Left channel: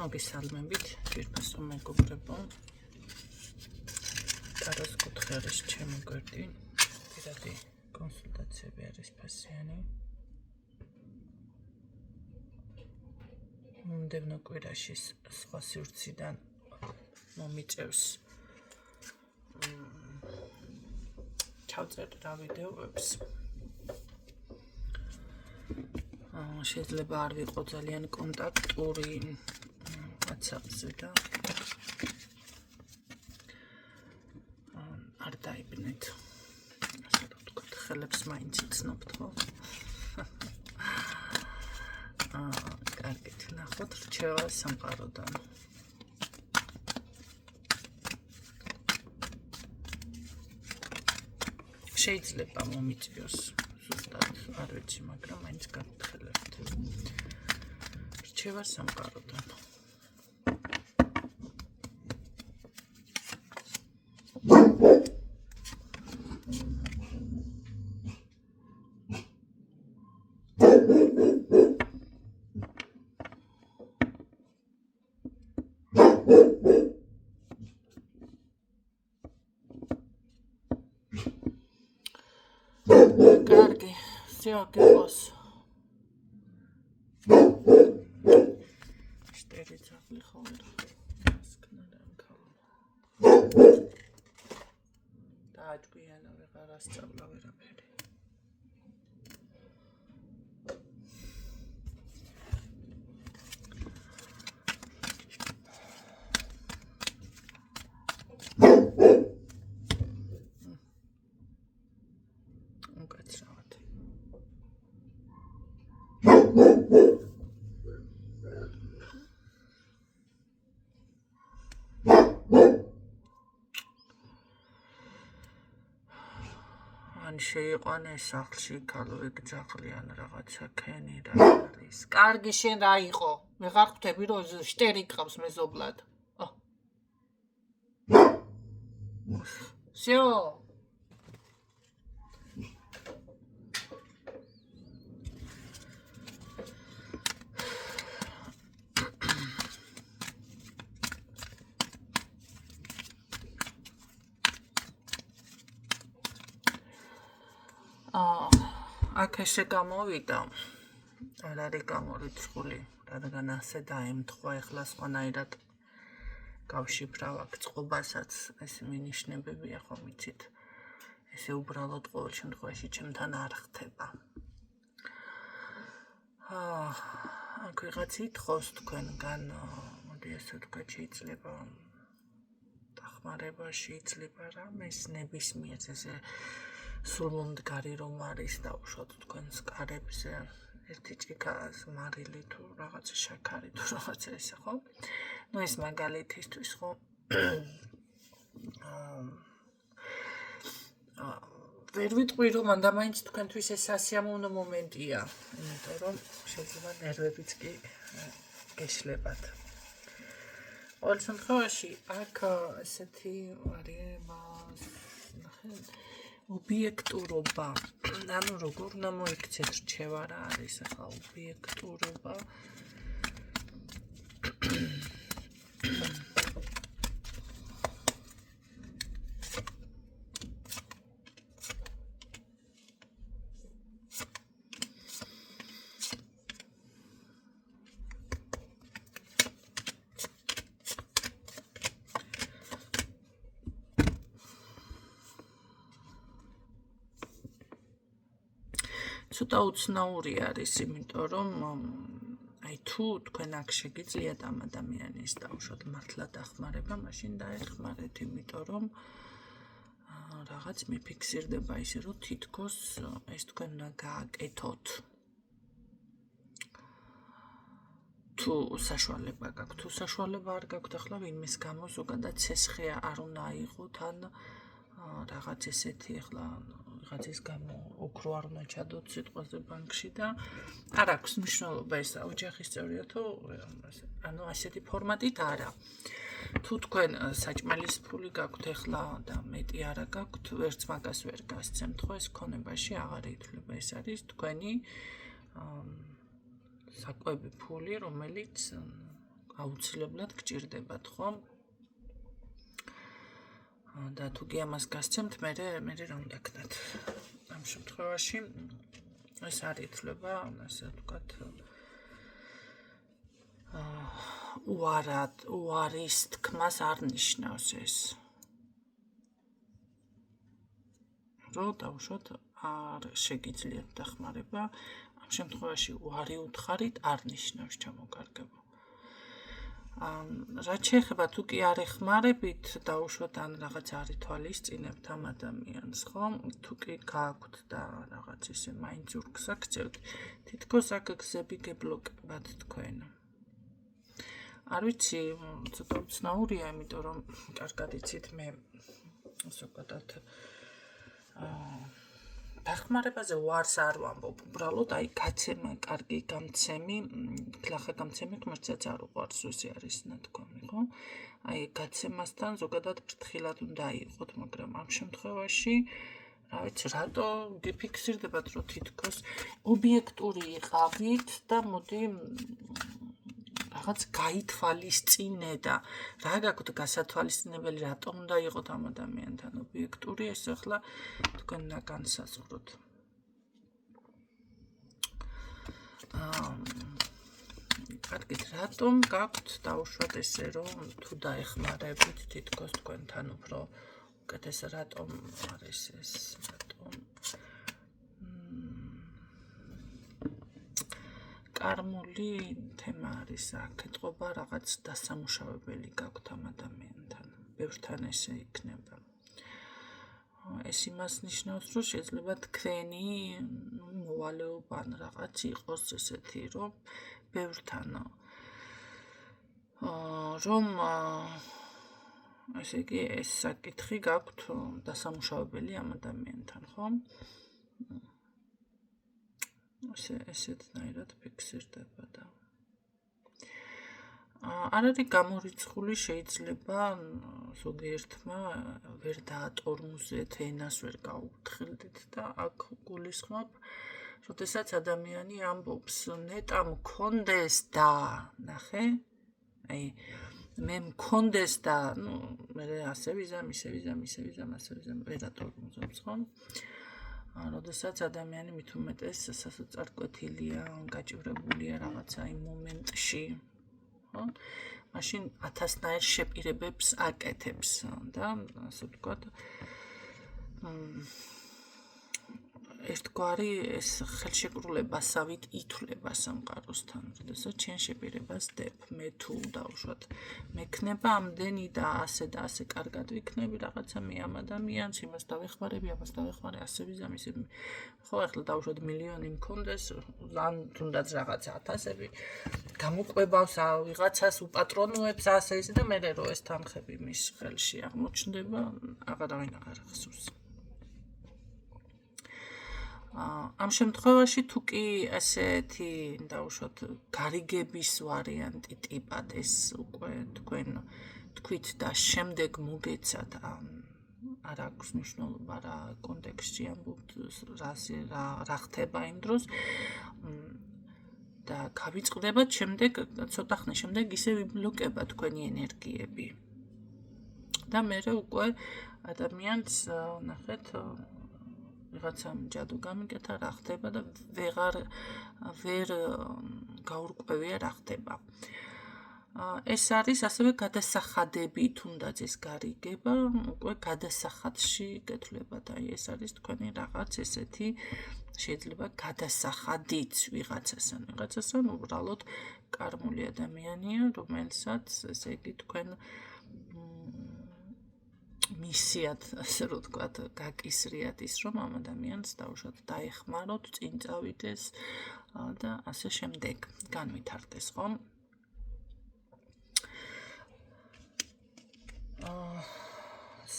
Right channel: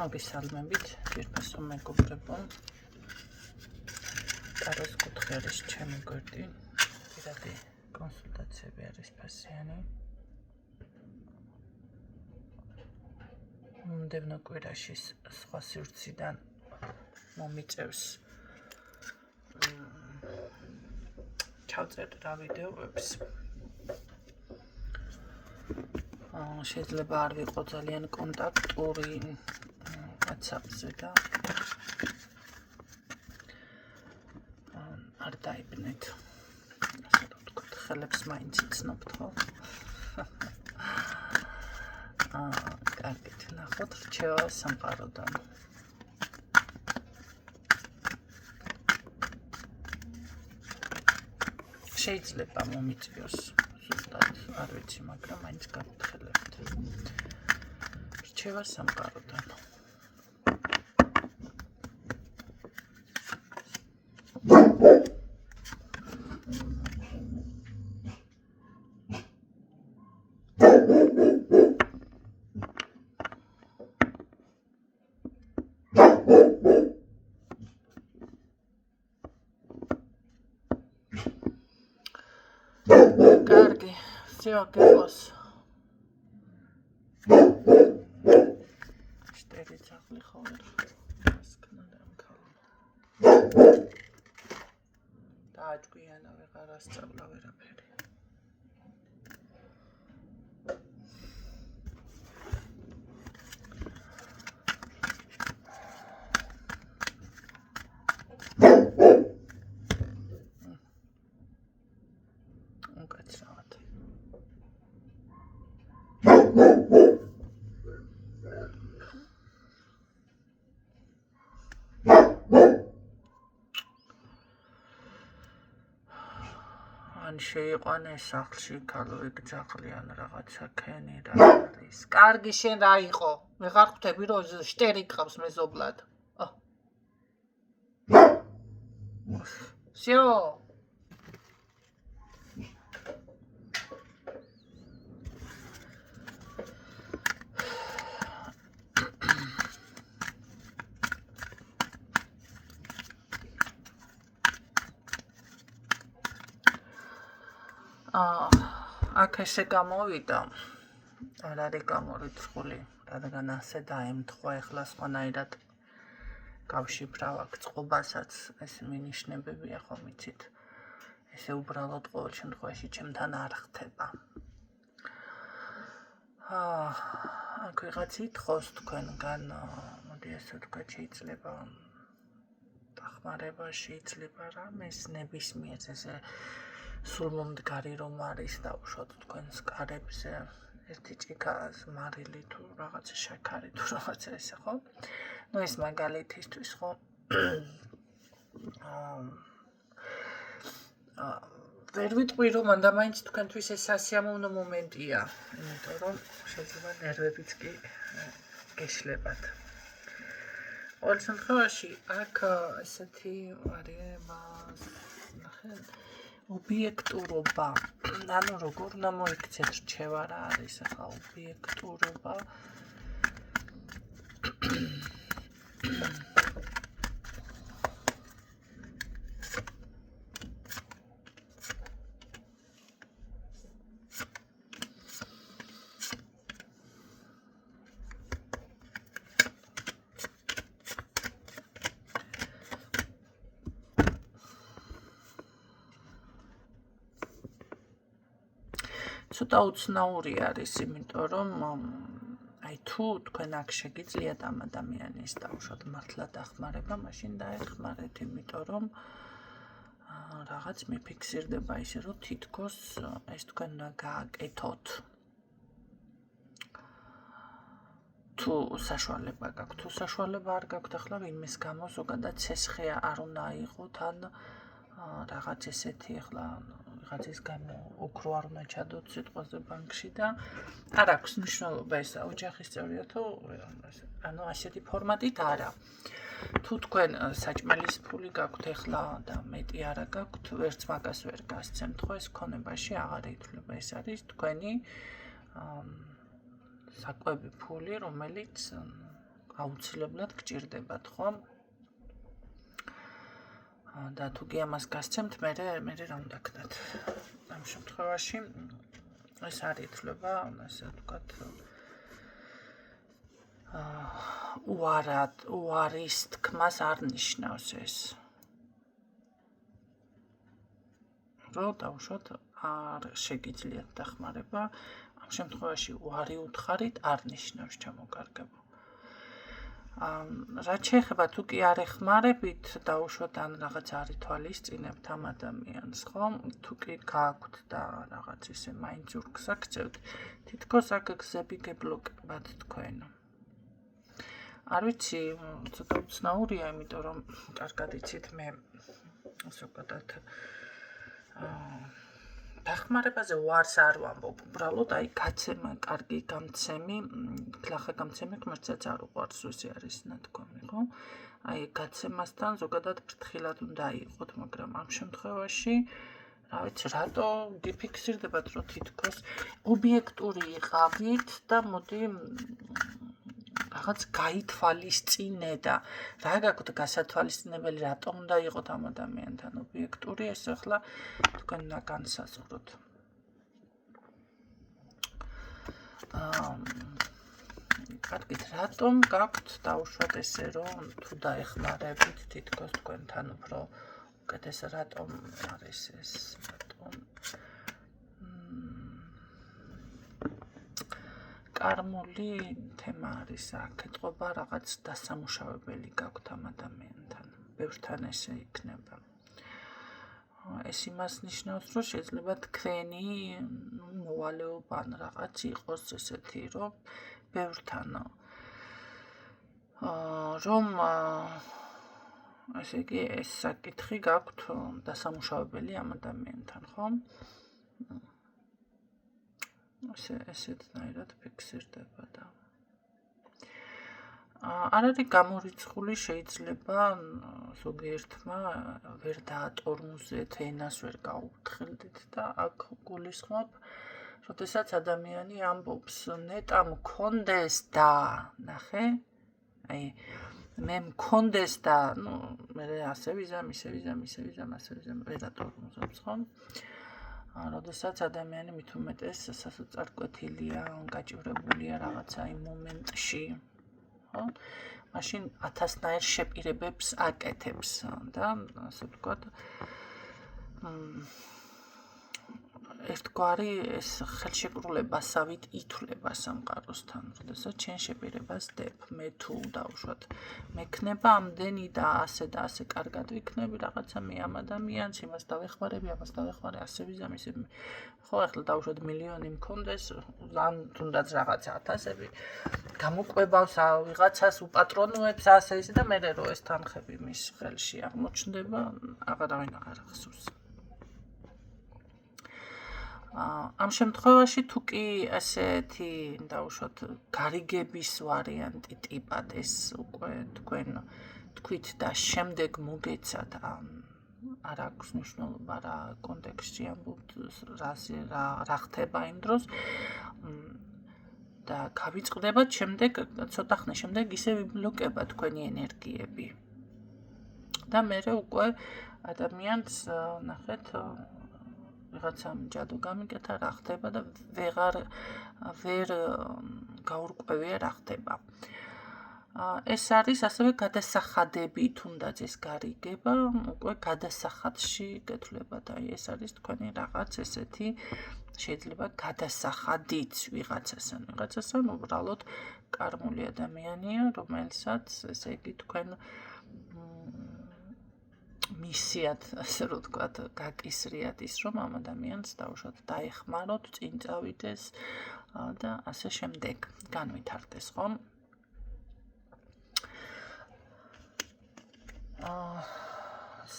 მოგესალმებით, ძვირფასო მეგობრებო. Კაროს კუთხე არის ჩემი გვერდი. პირადი კონსულტაციები არის ფასიანი. მომდევნო კვირაში სხვა სივრციდან მომიწევს ჩავწერ რა ვიდეოებს. შეიძლება არ ვიყო ძალიან კონტაქტური WhatsApp-ზე და არ დაიბნეთ. ასე რომ ვთქვათ, ხელებს მაინც იცნობთ, ხო? კარგით, ნახოთ რჩევა სამყაროდან. შეიძლება მომიწიოს ზუსტად არ ვიცი, მაგრამ მაინც გავთხელებთ. რჩევა სამყაროდან. კარგი, всё, გიყოს. შტერი ძაღლი ხოლმე. ასკნა დამქალო. დააჭკვიანა ვეღარ ასწავლა ვერაფერი. უკაცრავად. ან შეიყვანეს სახლში ქალოიგ ძაღლი ან რაღაცა ქენი რა არის. კარგი, შენ რა იყო? ვეღარ ხვდები რომ შტერი გყავს მეზობლად. всё. აქ ესე გამოვიდა. არ არის გამორიცხული, რადგან ასე დაემთხვა ეხლა სხვანაირად გავშიფრავ აქ წყობასაც, ეს მინიშნებებია ხომ იცით. ესე უბრალოდ ყოველ შემთხვევაში ჩემთან არ ხდება. აქ ვიღაც ითხოვს თქვენგან, მოდი ასე ვთქვათ, შეიძლება დახმარება, შეიძლება რამეს ნებისმიერ ესე სულმომდგარი რომ არის დაუშვათ თქვენს კარებზე ერთი ჭიქა მარილი თუ რაღაცა შაქარი თუ რაღაცა ესე ხო? ნუ ეს მაგალითისთვის ხო? ვერ ვიტყვი რომ მანდა მაინც თქვენთვის ეს სასიამოვნო მომენტია, იმიტომ რომ შეიძლება ნერვებიც კი გეშლებათ. ყოველ შემთხვევაში აქ ესეთი არის ნახეთ ობიექტურობა. ანუ როგორ უნდა მოიქცეთ რჩევა რა არის ახლა ობიექტურობა. ცოტა უცნაური არის, იმიტომ რომ აი თუ თქვენ აქ შეგიძლიათ ამ ადამიანის დაუშვათ მართლა დახმარება, მაშინ დაეხმარეთ, იმიტომ რომ რაღაც მიფიქსირდება ისე რომ თითქოს ეს თქვენ უნდა გააკეთოთ. თუ საშუალება გაქვთ, თუ საშუალება არ გაქვთ, ახლა ვინმეს გამო ზოგადად ცესხე არ უნდა აიღოთ, ან რაღაც ესეთი ახლა ვიღაცის გამო ოქრო არ უნდა ჩადოთ სიტყვაზე ბანკში და არ აქვს მნიშვნელობა ეს ოჯახის წევრია თუ ანუ ასეთი ფორმატით არა. თუ თქვენ საჭმელის ფული გაქვთ ახლა და მეტი არა გაქვთ, ვერც მაგას ვერ გასცემთ, ხო ეს ქონებაში აღარ ითვლება, ეს არის თქვენი საკვები ფული, რომელიც აუცილებლად გჭირდებათ, ხო? და თუ კი ამას გასცემთ, მე რა უნდა გქნათ? ამ შემთხვევაში ეს არ ითვლება, ასე ვთქვათ, უარის თქმას არ ნიშნავს ეს. რომ დავუშვათ არ შეგიძლიათ დახმარება, ამ შემთხვევაში უარი უთხარით არ ნიშნავს ჩამოკარგებო. რაც შეეხება თუ კი არ ეხმარებით, დავუშვათ ან რაღაც არ ითვალისწინებთ ამ ადამიანს, ხო? თუ კი გააქვთ და რაღაც ისე მაინც ზურგს აქცევთ, თითქოს აქ გზები გებლოკებათ თქვენ. არ ვიცი, ცოტა უცნაურია, იმიტომ რომ კარგად იცით მე ასე ვთქვათ დახმარებაზე ვარს არ ვამბობ, უბრალოდ აი გაცემა, კარგი გამცემი, გლახა გამცემი ღმერთსაც არ უყვარს, უსი არის ნათქვამი, ხო? აი გაცემასთან ზოგადად ფრთხილად უნდა იყოთ, მაგრამ ამ შემთხვევაში რა ვიცი, რატო გიფიქსირდებათ, რომ თითქოს ობიექტური იყავით და მოდი რაღაც გაითვალისწინე და რა გაქვთ გასათვალისწინებელი, რატომ უნდა იყოთ ამ ადამიანთან ობიექტური, ეს ახლა თქვენ უნდა განსაზღვროთ. კარგით, რატომ გაქვთ დავუშვათ ესე, რომ თუ დაეხმარებით, თითქოს თქვენთან უფრო უკეთეს, რატომ არის ეს, რატომ კარმული თემა არის აქ, ეთყობა რაღაც დასამუშავებელი გაქვთ ამ ადამიანთან, ბევრთან ესე იქნება. ეს იმას ნიშნავს, რომ შეიძლება თქვენი მოვალეობა ან რაღაც იყოს ესეთი, რომ ბევრთან რომ ესე იგი ეს საკითხი გაქვთ დასამუშავებელი ამ ადამიანთან, ხო? ესეთნაირად ფიქსირდება და არ არის გამორიცხული, შეიძლება ზოგიერთმა ვერ დაატორმუზეთ, ენას ვერ გაუფრთხილდით და აქ გულისხმობ, როდესაც ადამიანი ამბობს, ნეტა მქონდეს და, ნახე, აი მე მქონდეს და, მე ასე ვიზამ, ისე ვიზამ, ვერ ატორმუზობს, ხო? როდესაც ადამიანი მით უმეტეს სასოწარკვეთილია, გაჭირებულია რაღაცა იმ მომენტში, ხო? მაშინ 1000-ნაირ შეპირებებს აკეთებს და ასე ვთქვათ, ერთგვარი ეს ხელშეკრულებასავით ითვლება სამყაროსთან, როდესაც ჩემ შეპირებას დებ, მე თუ დავუშვათ, მექნება ამდენი და ასე კარგად ვიქნები რაღაცა მე ამ ადამიანს, იმას დავეხმარები, ამას დავეხმარე, ასე ვიზამ, ისე ხო, ახლა დავუშვათ მილიონი მქონდეს, ან თუნდაც რაღაცა 1000-ები, გამოყვებავს ვიღაცას, უპატრონუებს ასე ისე და მე რო ეს თანხები მის ხელში აღმოჩნდება, აღარავინ აღარ ახსოვს. ამ შემთხვევაში თუ კი ასეთი დავუშვათ გარიგების ვარიანტი ტიპად ეს უკვე თქვენ თქვით და შემდეგ მოგეცათ არ აქვს მნიშვნელობა რა კონტექსტში ამბობთ რა ხდება იმ დროს და გავიწყდებათ შემდეგ ცოტა ხნის შემდეგ ისე ვიბლოკება თქვენი ენერგიები და მე უკვე ადამიანს ნახეთ ვიღაცამ ჯადო გამიკეთა რა ხდება და ვერ გაურკვევია რა ხდება. ეს არის ასევე გადასახადები, თუნდაც ეს გარიგება, უკვე გადასახადში გეთვლებათ. აი ეს არის თქვენი რაღაც ესეთი შეიძლება გადასახადიც ვიღაცასთან უბრალოდ კარმული ადამიანია, რომელსაც ესე იგი თქვენ მისიათ, ასე რომ ვთქვათ, გაკისრიათ ის, რომ ამ ადამიანს დავუშვათ დაეხმაროთ, წინ წავიდეს და ასე შემდეგ განვითარდეს, ხო?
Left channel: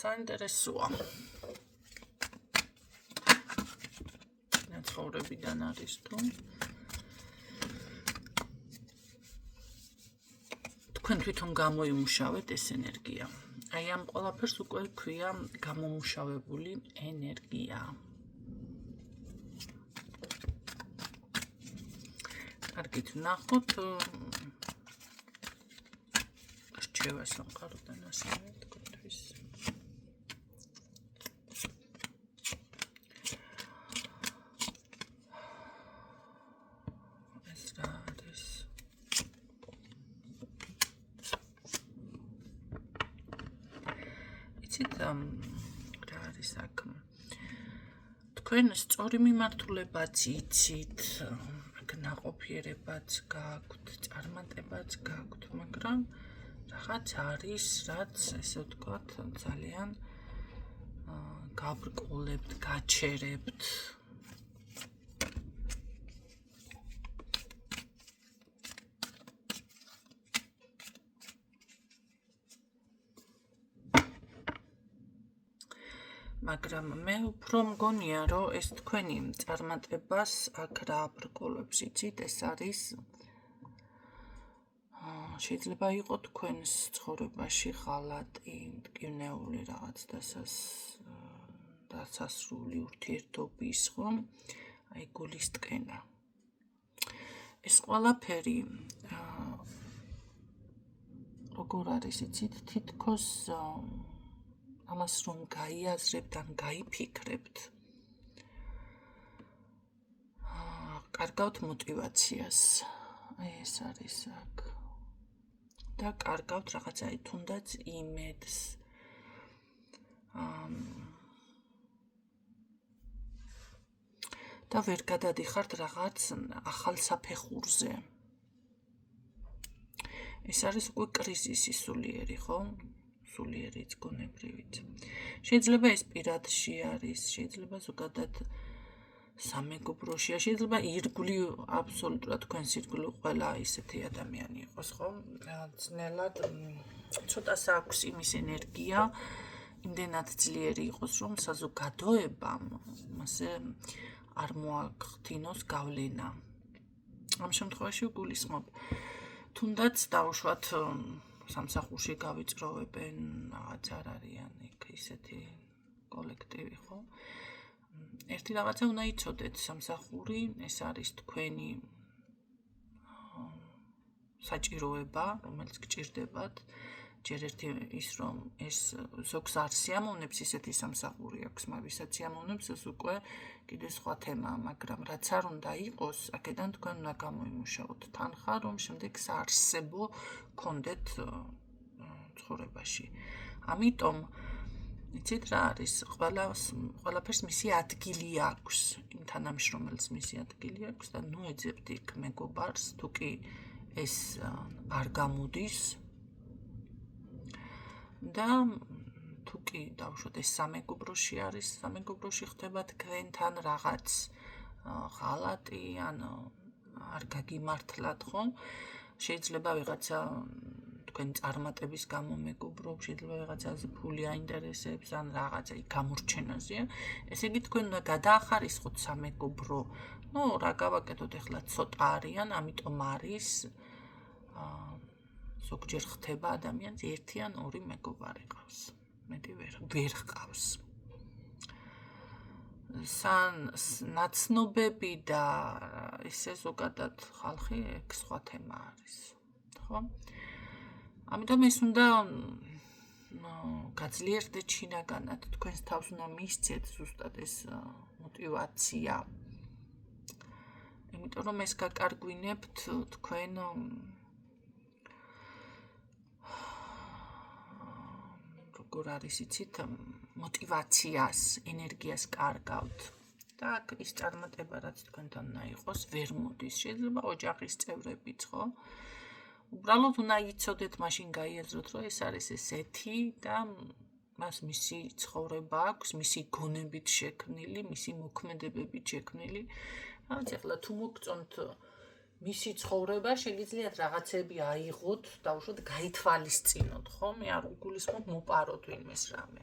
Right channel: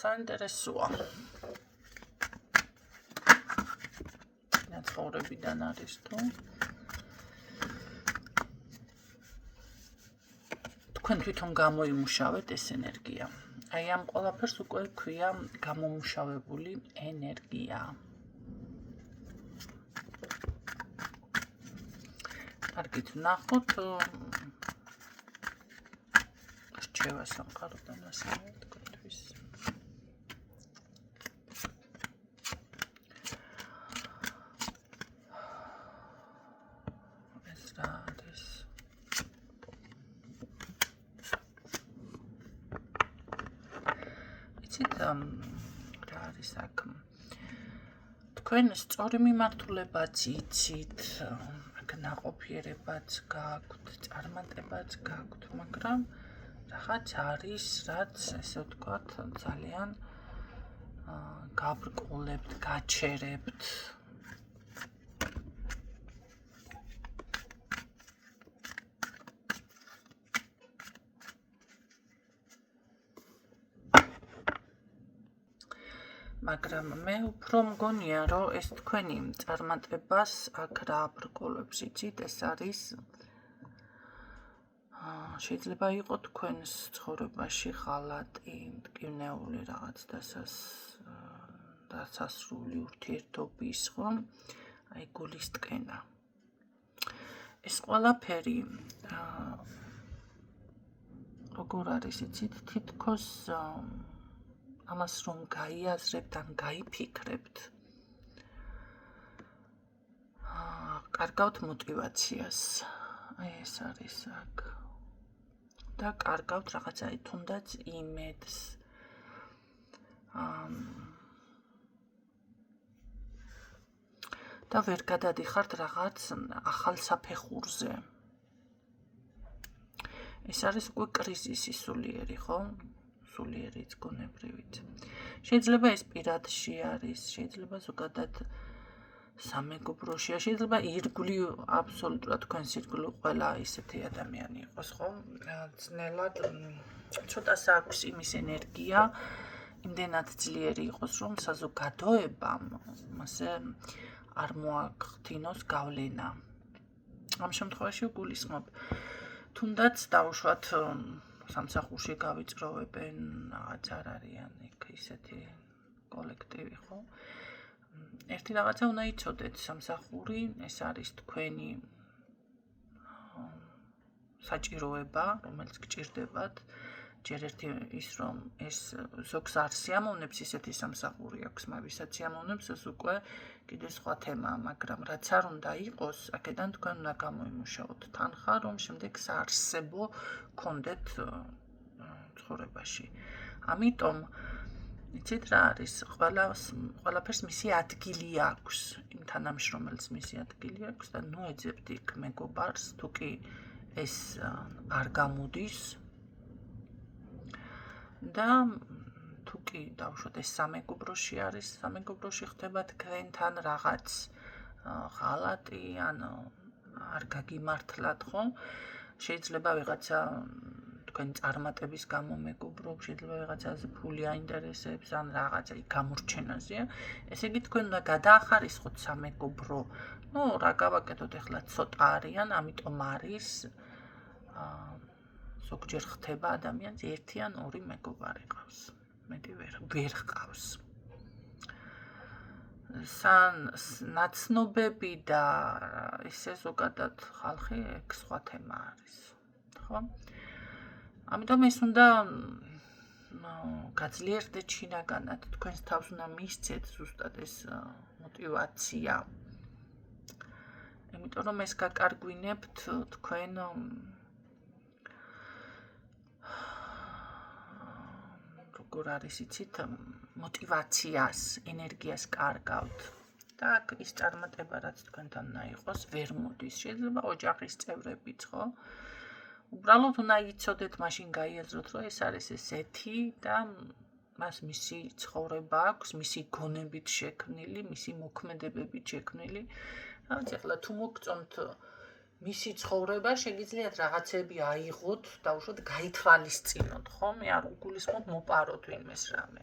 საინტერესოა. ნაცხოვრებიდან არის თუ თქვენ თვითონ გამოიმუშავეთ ეს ენერგია. აი ამ ყველაფერს უკვე ქვია გამომუშავებული ენერგია. კარგით, ვნახოთ შევასამყაროთ და ასევე თქვენთვის. ეს რა არის? იცით რა არის აქ? თქვენ სწორი მიმართულებაც იცით, ნაყოფიერებაც გაქვთ, წარმატებაც გაქვთ, მაგრამ რაღაც არის, რაც ესე ვთქვათ, ძალიან გაბრკოლებთ, გაჩერებთ. მაგრამ მე უფრო მგონია, რომ ეს თქვენი წარმატებას აქ რა აბრკოლებს, იცით, ეს არის შეიძლება იყოს თქვენს ცხოვრებაში ღალატი, მტკივნეული რაღაც დასასრული ურთიერთობის, ხო? აი გულის ტკენა. ეს ყველაფერი როგორ არის, იცით, თითქოს ამას რომ გაიაზრებთ ან გაიფიქრებთ, კარგავთ мотивაციას. აი ეს არის აქ. და კარგავთ რაღაცა თუნდაც იმედს. და ვერ გადადიხართ რაღაც ახალ საფეხურზე. ეს არის უკვე კრიზისი სულიერი, ხო? სულიერი გონებრივით. შეიძლება ეს პირადში არის, შეიძლება ზოგადად სამეგობროშია, შეიძლება ირგვლივ აბსოლუტურად თქვენს ირგვლივ ყველა ისეთი ადამიანი იყოს, ხო? ძნელად ცოტას აქვს იმის ენერგია, იმდენად ძლიერი იყოს, რომ საზოგადოებამ მასე არ მოახდინოს გავლენა. ამ შემთხვევაში გულისხმობ, თუნდაც დავუშვათ სამსახურში გავიწროვებენ, რაღაც არ არიან იქ ისეთი კოლექტივი, ხო? ერთი რაღაცა უნდა იცოდეთ, სამსახური ეს არის თქვენი საჭიროება, რომელიც გჭირდებათ. ჯერ ერთი ის რომ ეს ზოგს არ სიამოვნებს ისეთი სამსახური აქვს, მაგრამ ვისაც სიამოვნებს, ეს უკვე კიდე სხვა თემაა, მაგრამ რაც არ უნდა იყოს, აქედან თქვენ უნდა გამოიმუშაოთ თანხა, რომ შემდეგ საარსებო გქონდეთ ცხოვრებაში. ამიტომ იცით რა არის, ყველაფერს მისი ადგილი აქვს, იმ თანამშრომელს მისი ადგილი აქვს და ნუ ეძებთ იქ მეგობარს, თუ კი ეს არ გამოდის და თუ კი დავუშვათ ეს სამეგობროში არის, სამეგობროში ხდება თქვენთან რაღაც ღალატი, ან არ გაგიმართლათ, ხო? შეიძლება ვიღაცა თქვენი წარმატების გამო მეგობრობს, შეიძლება ვიღაცაზე ფული აინტერესებს, ან რაღაცა გამორჩენაზეა. ესე იგი თქვენ უნდა გადაახარისხოთ სამეგობრო. ნუ რა გავაკეთოთ ახლა, ცოტა არიან, ამიტომ არის ზოგჯერ ხდება ადამიანს ერთი ან ორი მეგობარი ყავს. მეტი ვერ ყავს. ნაცნობები და ისე ზოგადად ხალხი ეგ სხვა თემა არის, ხო? ამიტომ ეს უნდა გაძლიერდეთ შინაგანად, თქვენს თავს უნდა მისცეთ ზუსტად ეს мотивация. იმიტომ რომ ეს გაკარგვინებთ თქვენ როგორ არის იცით, мотивაციას, ენერგიას კარგავთ. და აქ ის წარმატება, რაც თქვენთან უნდა იყოს, ვერ მოდის. შეიძლება ოჯახის წევრებიც, ხო? უბრალოდ უნდა იცოდეთ, მაშინ გაიაზროთ, რომ ეს არის ესეთი და მას მისი ცხოვრება აქვს, მისი გონებით შექმნილი, მისი მოქმედებებით შექმნილი. რაც ახლა თუ მოგწონთ მისი ცხოვრება, შეგიძლიათ რაღაცები აიღოთ, დავუშვათ გაითვალისწინოთ, ხო? მე არ უგულისხმობ მოპაროთ ვინმეს რამე.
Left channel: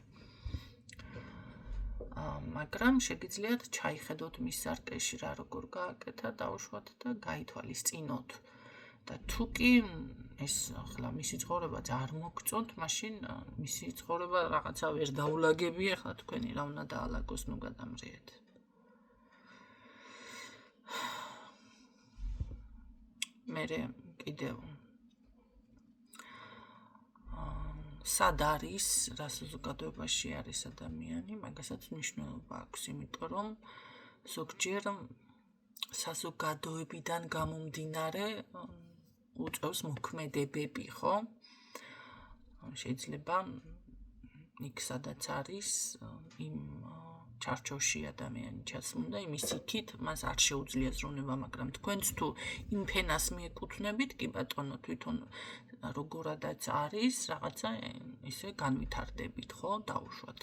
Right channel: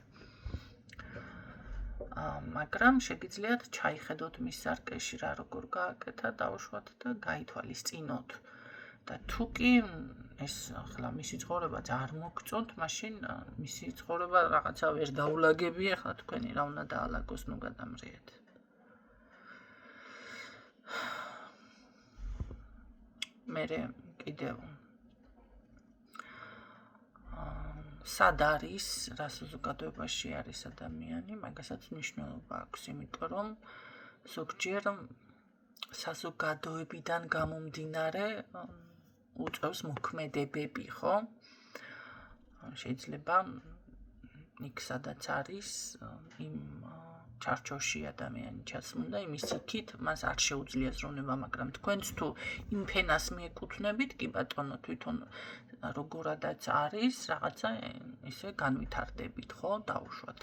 მაგრამ შეგიძლიათ ჩაიხედოთ მის სარკეში რა როგორ გააკეთა, დავუშვათ და გაითვალისწინოთ. და თუ კი ეს ახლა მისი ცხოვრება არ მოგწონთ, მაშინ მისი ცხოვრება რაღაცა ვერ დაულაგები, ახლა თქვენი რა უნდა დაალაგოს, ნუ გადამრიეთ. მერე კიდევ სად არის, რა საზოგადოებაში არის ადამიანი, მაგასაც მნიშვნელობა აქვს, იმიტომ რომ ზოგჯერ საზოგადოებიდან გამომდინარე უწევს მოქმედებები, ხო? შეიძლება იქ სადაც არის იმ ჩარჩოში ადამიანი ჩასმული, იმის იქით მას არ შეუძლია ზრუნება, მაგრამ თქვენც თუ იმ ფენას მიეკუთვნებით, კი ბატონო, თვითონ როგორადაც არის, რაღაცა ისე განვითარდებით, ხო, დაუშვათ.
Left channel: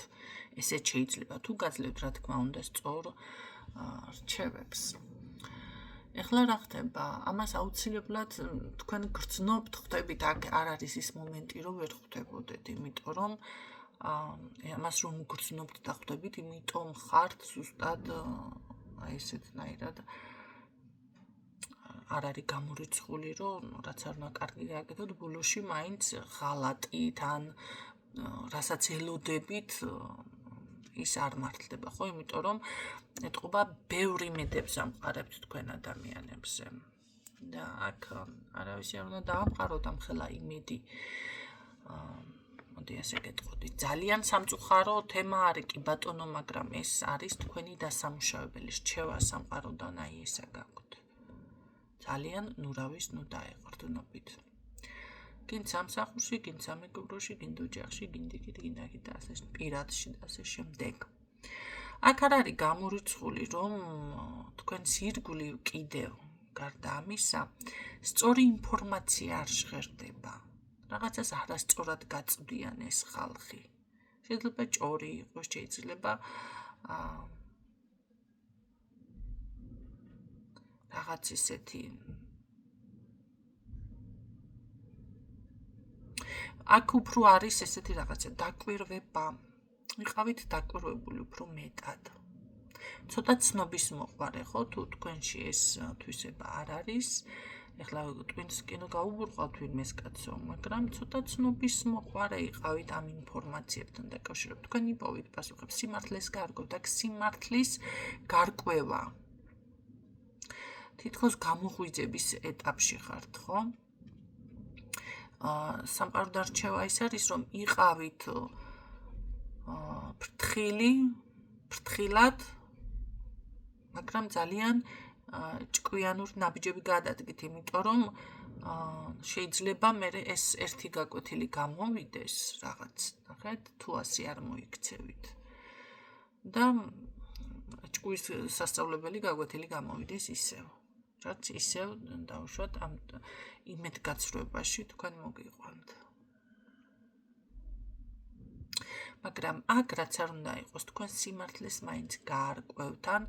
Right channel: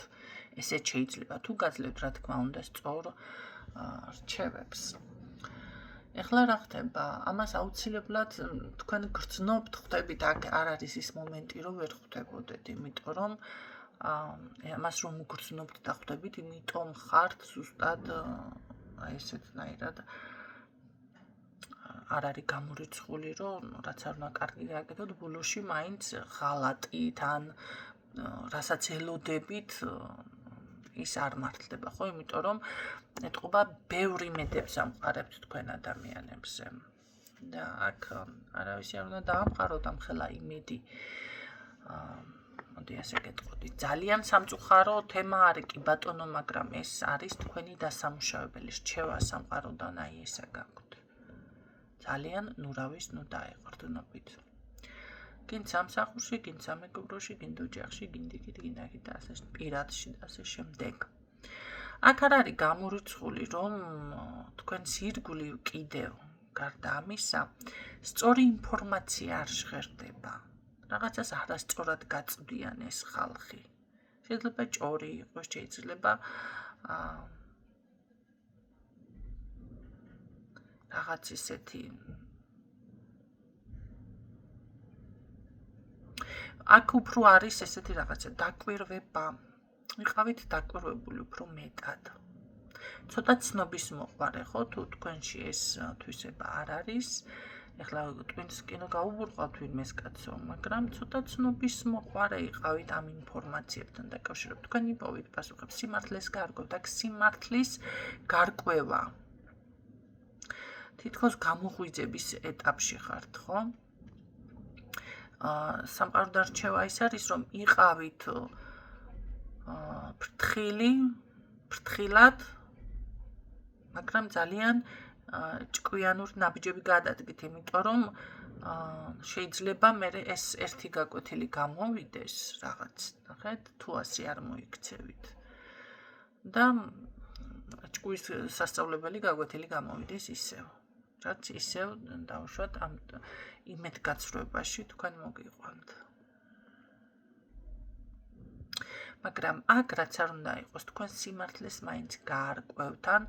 ესეც შეიძლება თუ გაძლევთ, რა თქმა უნდა, სწორ რჩევებს. ეხლა რა ხდება? ამას აუცილებლად თქვენ გრძნობთ, ხვდებით, აქ არ არის ის მომენტი, რომ ვერ ხვდებოდეთ, იმიტომ რომ ამას რომ გრძნობთ და ხვდებით, იმიტომ ხართ ზუსტად აი ესეთნაირად არ არის გამორიცხული, რომ რაც არ უნდა კარგი გააკეთოთ, ბოლოში მაინც ღალატით ან რასაც ელოდებით ის არ მართლდება, ხო? იმიტომ რომ ეტყობა ბევრი მედებს ამყარებთ თქვენ ადამიანებზე. და აქ არავის არ უნდა დაამყაროთ ამ ხელა იმედი. მოდი ასე გეტყოდი. ძალიან სამწუხარო თემა არის კი ბატონო, მაგრამ ეს არის თქვენი დასამუშავებელი რჩევა სამყაროდან, აი ესა გაქვთ. ძალიან ნურავის ნუ დაეყრდნობით. გინ სამსახურში, გინ სამეგობროში, გინ ოჯახში, გინ დიკით, გინ აქით და ასე პირადში და ასე შემდეგ. აქ არ არის გამორიცხული, რომ თქვენს ირგვლივ კიდევ გარდა ამისა, სწორი ინფორმაცია არ ჟღერდება. რაღაცას არასწორად გაწვდიან ეს ხალხი. შეიძლება ჭორი იყოს, შეიძლება რაღაც ისეთი აქ უფრო არის ესეთი რაღაცა დაკვირვება. ვიყავით დაკვირვებული უფრო მეტად. ცოტა ცნობის მოყვარე, ხო, თუ თქვენში ეს თვისება არ არის. ეხლა twins კინო გაუბურყავთ ვინმეს კაცო, მაგრამ ცოტა ცნობის მოყვარე იყავით ამ ინფორმაციებთან დაკავშირებით. თქვენ იპოვით პასუხებს, სიმართლეს გარკვევთ, აქ სიმართლის გარკვევა. თითქოს გამოღვიძების ეტაპში ხართ, ხო? სამყაროდან რჩევა ის არის, რომ იყავით ფრთხილად, მაგრამ ძალიან ჭკვიანურ ნაბიჯები გადადგით, იმიტომ რომ შეიძლება მე ეს ერთი გაკვეთილი გამოვიდეს რაღაც, ნახეთ, თუ ასე არ მოიქცევით. და ჭკუის სასწავლებელი გაკვეთილი გამოვიდეს ისევ. რაც ისევ დავუშვათ ამ იმედგაცრუებაში თქვენ მოგიყვანთ. მაგრამ აქ რაც არ უნდა იყოს, თქვენ სიმართლეს მაინც გაარკვევთ, ან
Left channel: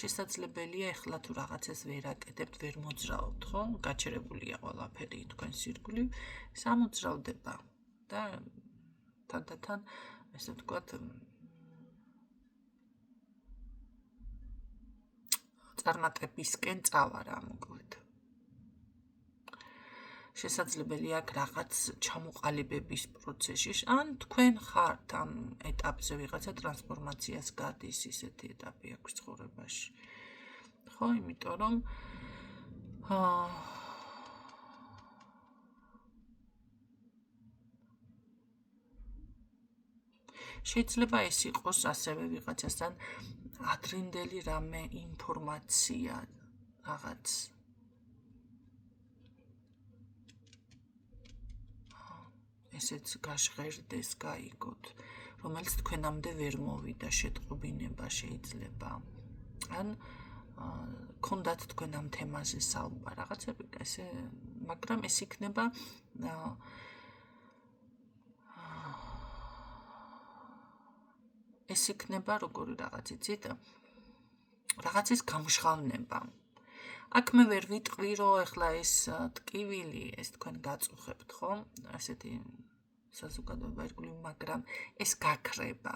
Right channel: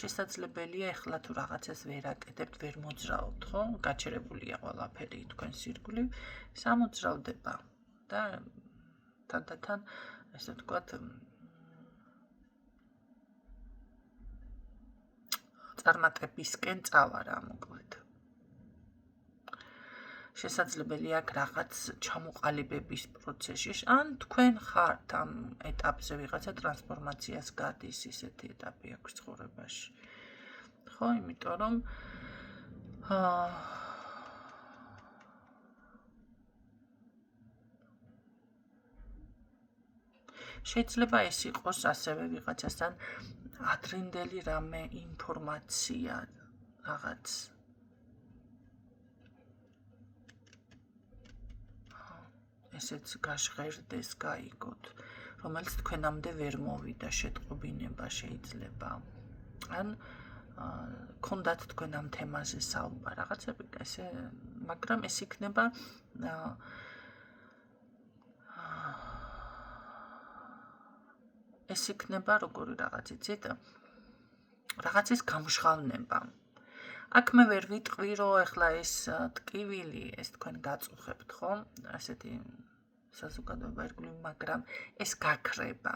შესაძლებელია ეხლა თუ რაღაცას ვერ აკეთებთ, ვერ მოძრაობთ, ხო? გაჩერებულია ყველაფერი თქვენს ირგვლივ, სამოძრავდება და თანდათან ესე ვთქვათ წარმატებისკენ წავა რა მოკლედ. შესაძლებელია აქ რაღაც ჩამოყალიბების პროცესში, ან თქვენ ხართ ამ ეტაპზე ვიღაცა ტრანსფორმაციას გადის, ისეთი ეტაპი აქვს ცხოვრებაში. ხო, იმიტომ რომ შეიძლება ეს იყოს ასევე ვიღაცასთან ადრინდელი რამე ინფორმაცია რაღაც ესეც გაშღერდეს, გაიგოთ, რომელიც თქვენამდე ვერ მოვიდა შეტყობინება შეიძლება. ან ქონდათ თქვენ ამ თემაზე საუბარ, რაღაცები ესე, მაგრამ ეს იქნება როგორი რაღაც იცით, რაღაცის გამჟღავნება. აქ მე ვერ ვიტყვი, რომ ეხლა ეს ტკივილი, ეს თქვენ გაწუხებთ, ხო? ასეთი საზოგადოება ირგვლივ, მაგრამ ეს გაქრება.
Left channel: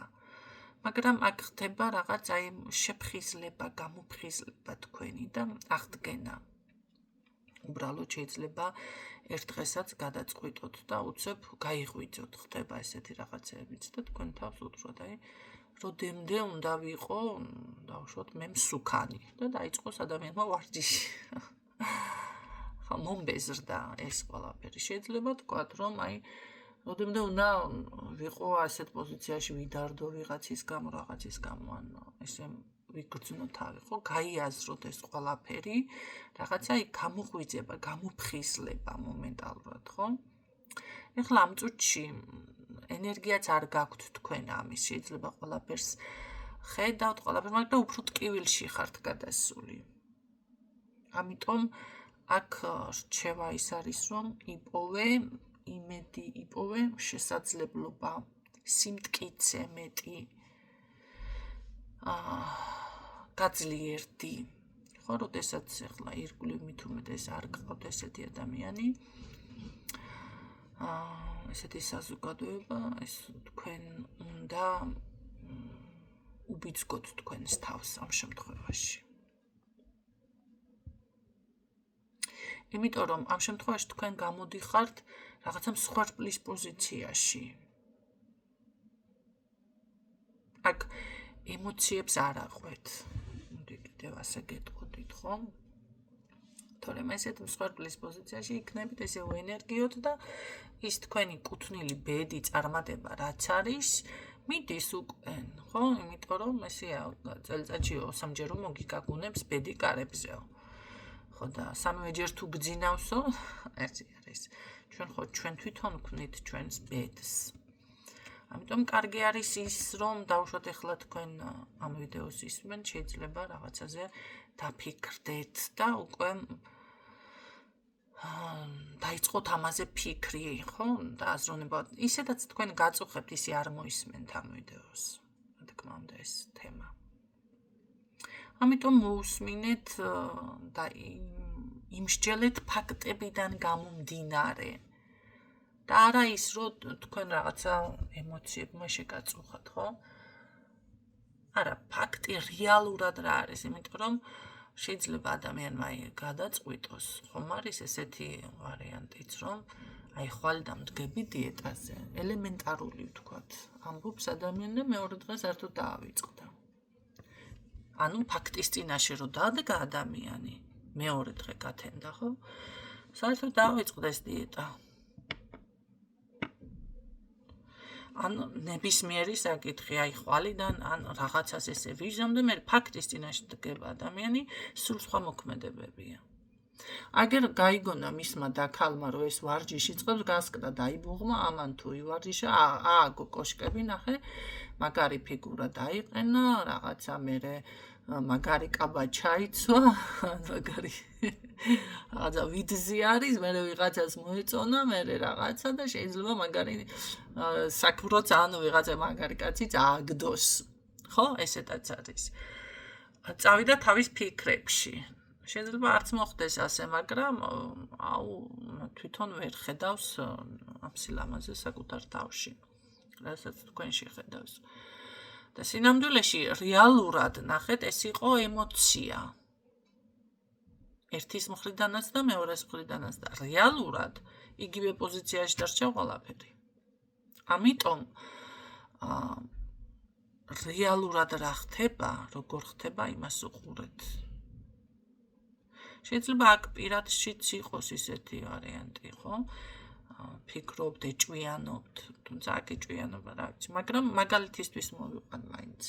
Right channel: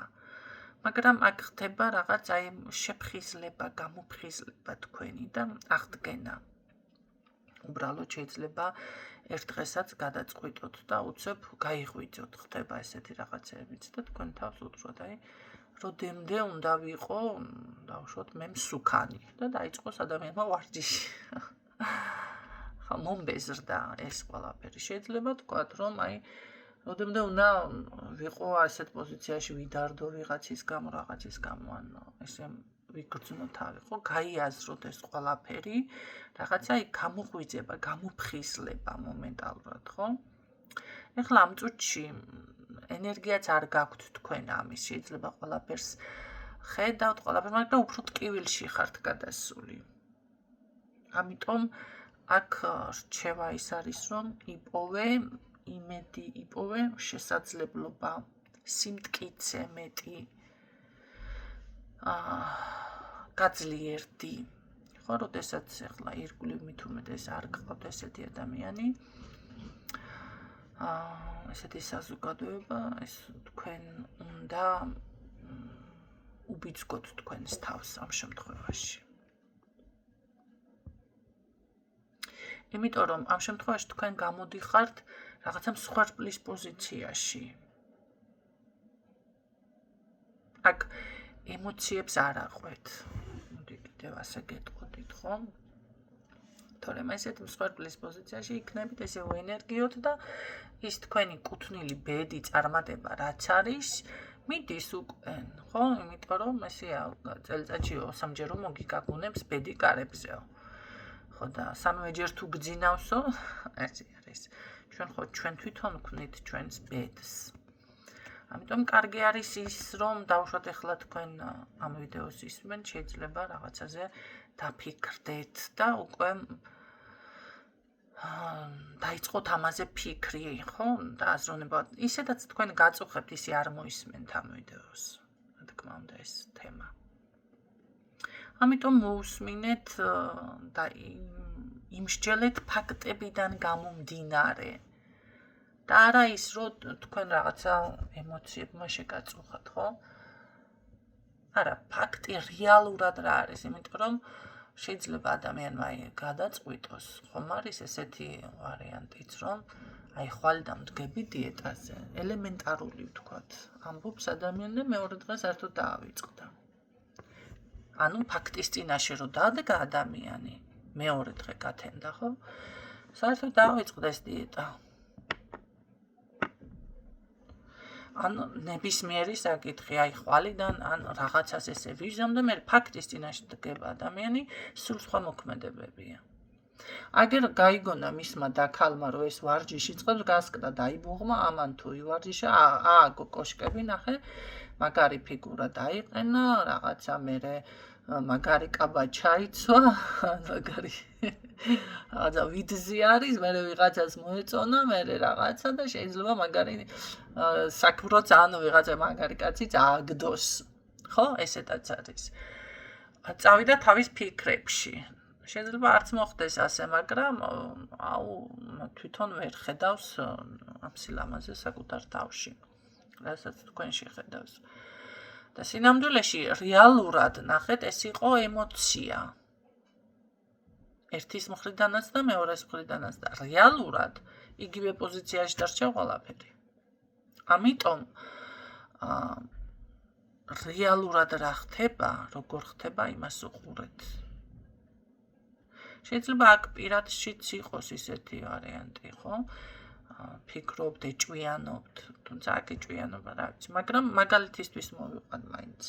მაგრამ აქ ხდება რაღაც აი შეფხიზლება, გამოფხიზლება თქვენი და აღდგენა. უბრალოდ შეიძლება ერთ დღესაც გადაწყვიტოთ და უცებ გაიღვიძოთ, ხდება ესეთი რაღაცეებიც და თქვენ თავს უთხროთ, აი როდემდე უნდა ვიყო, დავუშვათ მე მსუქანი და დაიწყოს ადამიანმა ვარჯიში. ხა მომბეზრდა ეს ყველაფერი. შეიძლება თქვათ, რომ აი ოდემდე უნდა ვიყო ასეთ პოზიციაში ვიდარდო ვიღაცის გამო, რაღაცის გამო, ანუ ესე ვიგრძნო თავი, ხო? გაიაზროთ ეს ყველაფერი, რაღაცა იქ გამოღვიძება, გამოფხიზლება მომენტალურად, ხო? ეხლა ამ წუთში ენერგიაც არ გაქვთ თქვენ ამის, შეიძლება ყველაფერს ხედავთ, ყველაფერს, მაგრამ უფრო ტკივილში ხართ გადასული. ამიტომ აქ რჩევა ის არის, რომ იპოვე იმედი, იპოვე შესაძლებლობა, სიმტკიცე მეტი, გაძლიერდი. ხო, როდესაც ახლა ირგვლივ მით უმეტეს არ გყავთ ესეთი ადამიანი, ესეთი საზოგადოება, ეს თქვენ უნდა უბიძგოთ თქვენს თავს ამ შემთხვევაში. იმიტომ რომ ამ შემთხვევაში თქვენ გამოდიხართ რაღაცა მსხვერპლის პოზიციაში. აქ ემოციებს არ აყვეთ. მოდი კიდევ ასე გეტყოდით, ხო? თორემ ესეთ მსხვერპლის პოზიციაში იქნებით ესეო ენერგიოთ და ის თქვენი კუთვნილი ბედი წარმატება რაც არის, მიდის უკვე, ხო? იმიტომ რომ ესეა წელიწადში 3-ჯერ მოგიგაგუნებს ბედი კარებზეო. ხო და სამივე ჯერ თუ გძინავსო, ეს არის. ჩვენ თვითონ ვქმნით ჩვენს ბედს. ამიტომ კარგი არის ის, რომ დავუშვათ ახლა თქვენ ამ ვიდეოს ისმენთ, შეიძლება რაღაცაზე დაფიქრდეთ და უკვე დაიწყოთ ამაზე ფიქრი, ხო? და აზროვნება. ისედაც თქვენ გაწუხებთ, ისე არ მოისმენთ ამ ვიდეოს. რა თქმა უნდა, ეს თემა. ამიტომ მოусმინეთ და იმსჯელეთ ფაქტებიდან გამომდინარე. და არა ის, რომ თქვენ რაღაცა ემოციებმა შეგაწუხათ, ხო? არა, ფაქტი რეალურად რა არის, იმიტომ რომ შეიძლება ადამიანმა გადაწყვიტოს, ხომ არის ესეთი ვარიანტიც, რომ აი ხვალიდან მდგები დიეტაზე, ელემენტარული ვთქვათ, ამბობს ადამიანი და მეორე დღეს საერთოდ დაავიწყდა. ანუ ფაქტის წინაშე რომ დადგა ადამიანი, მეორე დღე გათენდა, ხო? საერთოდ დაავიწყდა ეს დიეტა. ან ნებისმიერი საკითხი, აი ხვალიდან, ან რაღაცას ესე ვიჟდამ და მე ფაქტის წინაშე დგება ადამიანი, სულ სხვა მოქმედებებია. აგერ გაიგონა მისმა დაქალმა, რომ ეს ვარჯიში წყებს, გასკდა დაიბუღმა, ამან თუ ივარჯიშა, ააგო კოშკები, ნახე, მაგარი ფიგურა დაიყენა, რაღაცა მერე მაგარი კაბა ჩაიცვა, მაგარი რაღაცა ვიდზი არის, მერე ვიღაცას მოეწონა, მერე რაღაცა და შეიძლება მაგარი საქმროც ან ვიღაცა მაგარი კაციც ააგდოს. ხო, ესეთაც არის. წავიდა თავის ფიქრებში. შეიძლება არც მოხდეს ასე, მაგრამ აუ თვითონ ვერ ხედავს ამ სილამაზე საკუთარ თავში. რასაც თქვენ შეხედავს. და სინამდვილეში რეალურად ნახეთ, ეს იყო ემოცია. ერთის მხრიდანაც და მეორეს მხრიდანაც და რეალურად იგივე პოზიციაში დარჩა ყველაფერი. ამიტომ რეალურად რა ხდება, როგორ ხდება, იმას უყურეთ. შეიძლება აქ პირადშიც იყოს ისეთი ვარიანტი, ხო? ფიქრობთ, ეჭვიანობთ, თუმცა აქ ეჭვიანობა რა ვიცი, მაგრამ მაგალითისთვის მოვიყვან მაინც.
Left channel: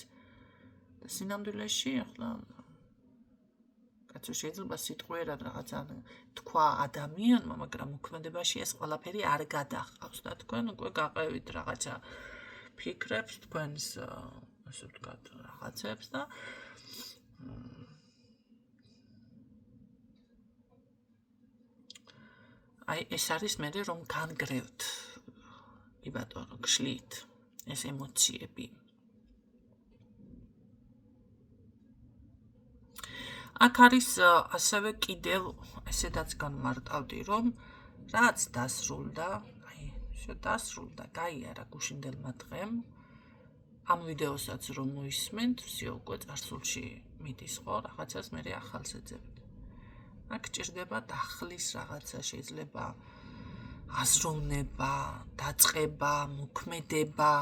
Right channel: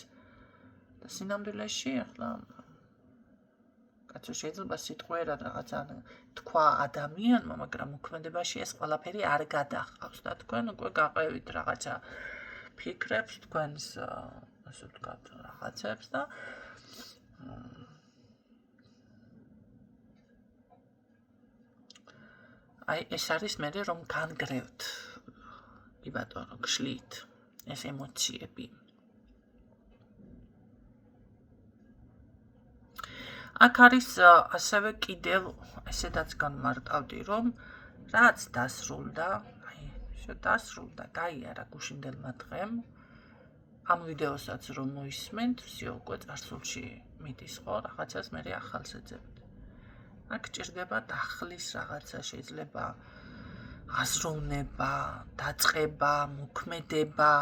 და სინამდვილეში ახლა კაცო შეიძლება სიტყვიერად რაღაცა თქვა ადამიანმა, მაგრამ მოქმედებაში ეს ყველაფერი არ გადაჰყავს და თქვენ უკვე გაყევით რაღაცა ფიქრებს, თქვენს ასე ვთქვათ, რაღაცებს და აი ეს არის მე რომ განგრევთ. კი ბატონო, გშლით ეს ემოციები. აქ არის ასევე კიდევ ესედაც განმარტავდი, რომ რაც დასრულდა, აი დასრულდა, გაიარა გუშინდელმა დღემ. ამ ვიდეოსაც რომ მოისმენთ, ვსიო უკვე წარსულში მიდის, ხო, რაღაცას მე ახალს ეძებთ. აქ ჭირდება დახლის რაღაცა, შეიძლება აზროვნება, დაწყება, მოქმედება.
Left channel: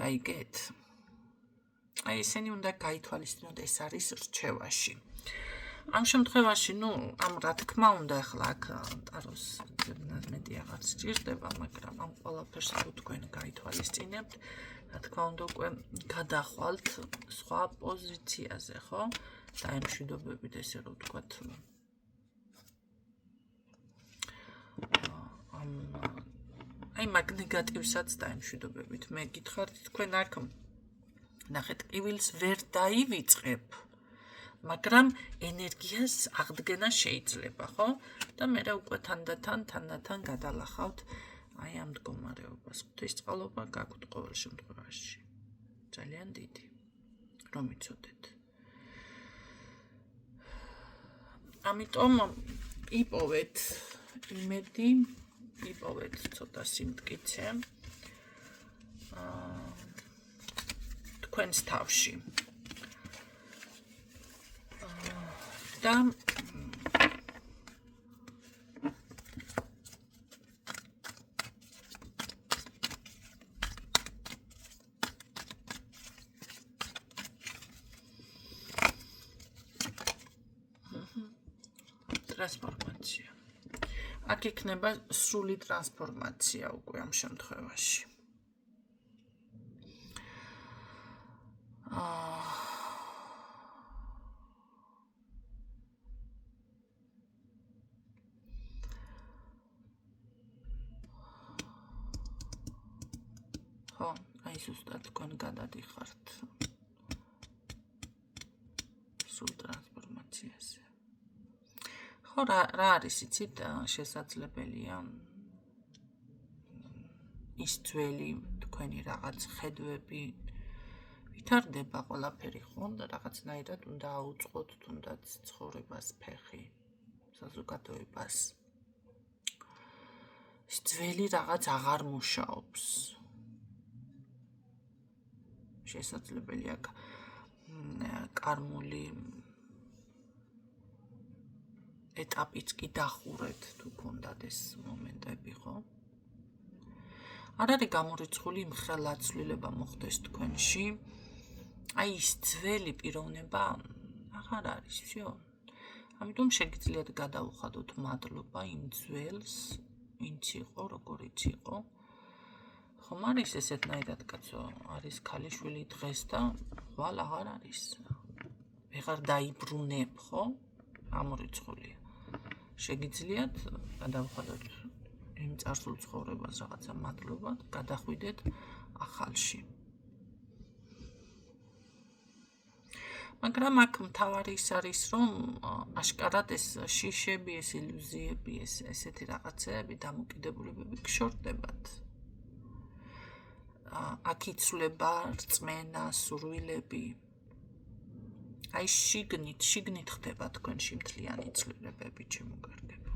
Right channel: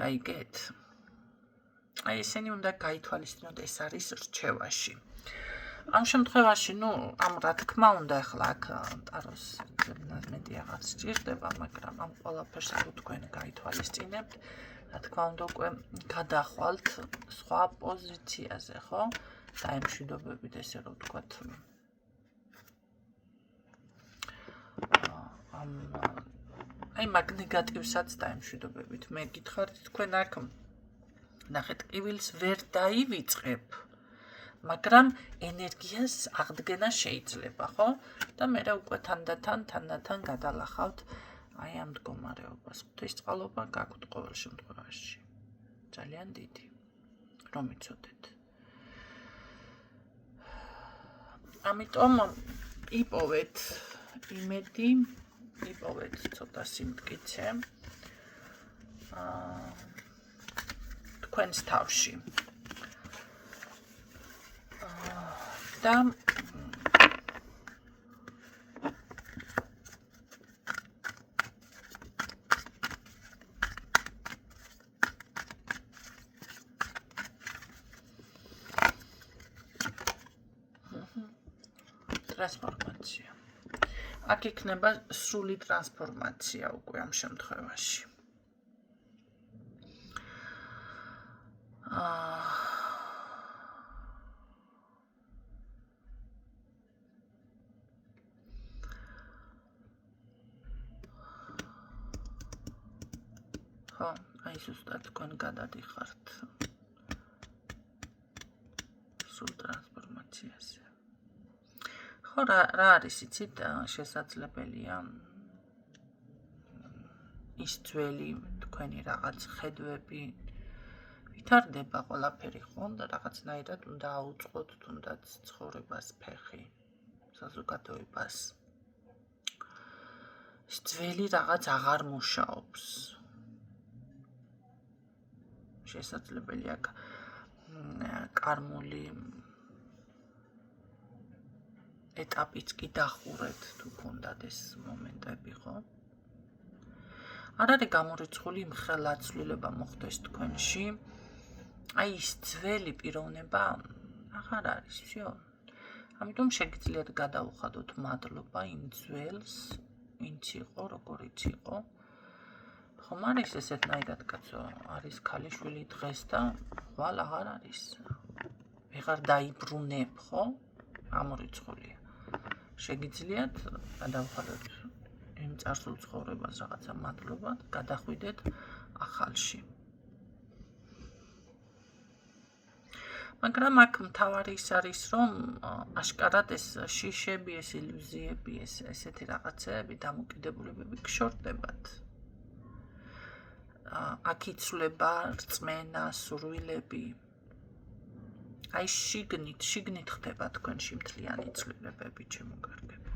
გაიგეთ? აი ესენი უნდა გაითვალისწინოთ, ეს არის რჩევაში. ამ შემთხვევაში, ამ რა თქმა უნდა, ახლა აქ ტაროს მეტი აღარ სჭირდება, მაგრამ ამ ყველაფერს თქვენ გაითვალისწინებთ, რა თქმა უნდა, უკვე გადახვალთ სხვა პოზიციაზე, ხო? დაემშვიდობებით, ესე რომ ვთქვათ, აი მაგ ნეგატივსაც დაემშვიდობებით. მე გითხარით, თქვენ აქ ნახეთ, ყივილს ვერ დაივიწყებ, მაგრამ ენერგიას აღდგენა შეიძლება, ხო? და მე უკვე თანდათან გადალახავთ აი ამ მდგომარეობას. ღვთისწყალობა გაქვთ ყოველ შემთხვევაში. ძალიან დიდი, რომ იცოდეთ. ამიტომ იპოვეთ იმედი, იპოვეთ ცოტა სიმტკიცე თქვენს თავში. და ტრანსფორმაცია. აქ იქნება სრული ტრანსფორმაცია უკვე ამ შემთხვევაში. ხო, აი ზუსტად თქვენ გადადიხართ სრულ ტრანსფორმაციაზე. ხო, რა არის, იცით, შესაძლებელია ის ძველი თქვენი რაღაც ხედვები ვითარდება ყველაფერი, ხო, და რაღაცნაირად უნდა აუწყოთ თუნდაც ცხოვრებას ფეხი, საზოგადოებას. ის ძველი რაღაც აღარ მუშაობს. შესაძლებელია კარმული ეტაპიც კი დახურეთ თუ გქონდათ ეს მომენტები, ხო? არ არის გამორიცხული იმხელა ცვლილება მოხდეს თქვენში. აი ის ძველი პიროვნება აღარ არის, всё. ამიტომ შეგიძლიათ გადაუხადოთ მადლობა იმ ძველს, ვინც იყო, როგორიც იყო. ხომ არის ესეთნაირად კაცო, არის ქალიშვილი დღეს და ხვალ აღარ არის. ვეღარ დაიბრუნებ, ხო? გამორიცხულია. შეგიძლიათ გადავხადოთ იმ წარსულ ცხოვრებას რაღაცა მადლობა და გადახვიდეთ ახალში. მაგრამ აქ მთავარი ის არის, რომ აშკარად ეს შიშები, ეს ილუზიები, ესეთი რაღაცეები, დამოკიდებულებები გშორდებათ. აქ იცვლება რწმენა, სურვილები. აი შიგნით ხდება თქვენში მთლიანი ცვლილებები, ჩემო კარგებო.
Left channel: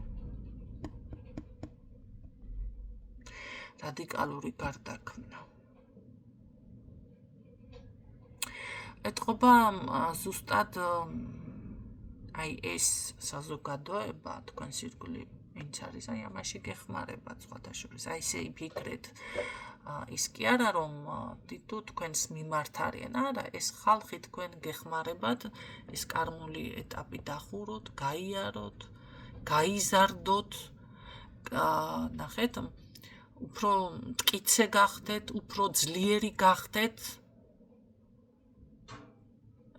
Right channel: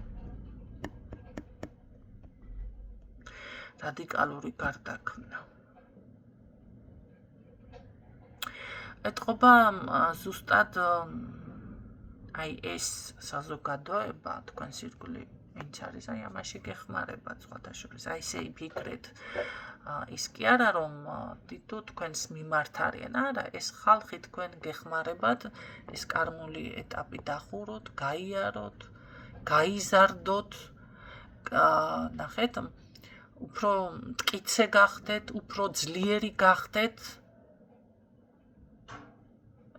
რადიკალური გარდაქმნა. ეტყობა ზუსტად აი ეს საზოგადოება, თქვენს ირგვლივ ვინც არის, აი ამაში გეხმარებათ სხვათა შორის. აი ესე იფიქრეთ, ის კი არა რომ თითო თქვენს მიმართ არიან, არა, ეს ხალხი თქვენ გეხმარებათ, ეს კარმული ეტაპი დახუროთ, გაიაროთ, გაიზარდოთ, ნახეთ, უფრო მტკიცე გახდეთ, უფრო ძლიერი გახდეთ.